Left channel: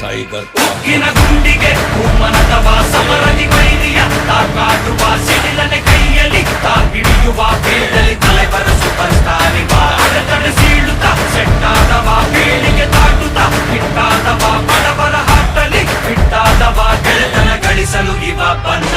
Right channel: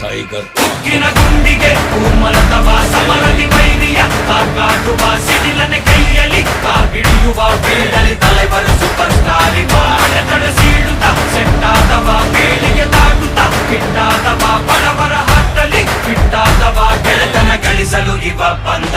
tiger ಗುಂಡಿಗೆ ಮನದವ ಸಮರದಿ ವೈರಿಯ ಕಾಟುವ ಸಿಡಿಲನೆ ಕೈಯಲ್ಲಿ ಹಿಡಿಯುವ ಬೇಡಲಿ ತಲೆಬರ ಸೂಪರ್ ಸ್ಟಾರ್ ಸೀಳುತ್ತ ಸೆಟ್ಟಾದವ ಬೇಳೆಗೆ ತಾಟುತ್ತ ಹಿಟ್ಟಾದವ ಬಡವರ ಹಾಕ್ತಲಿ ಬಿಟ್ಟಾದವ ಗೆಳೆತನ ಗಳಿಸಲು ಇವ ಬಂದ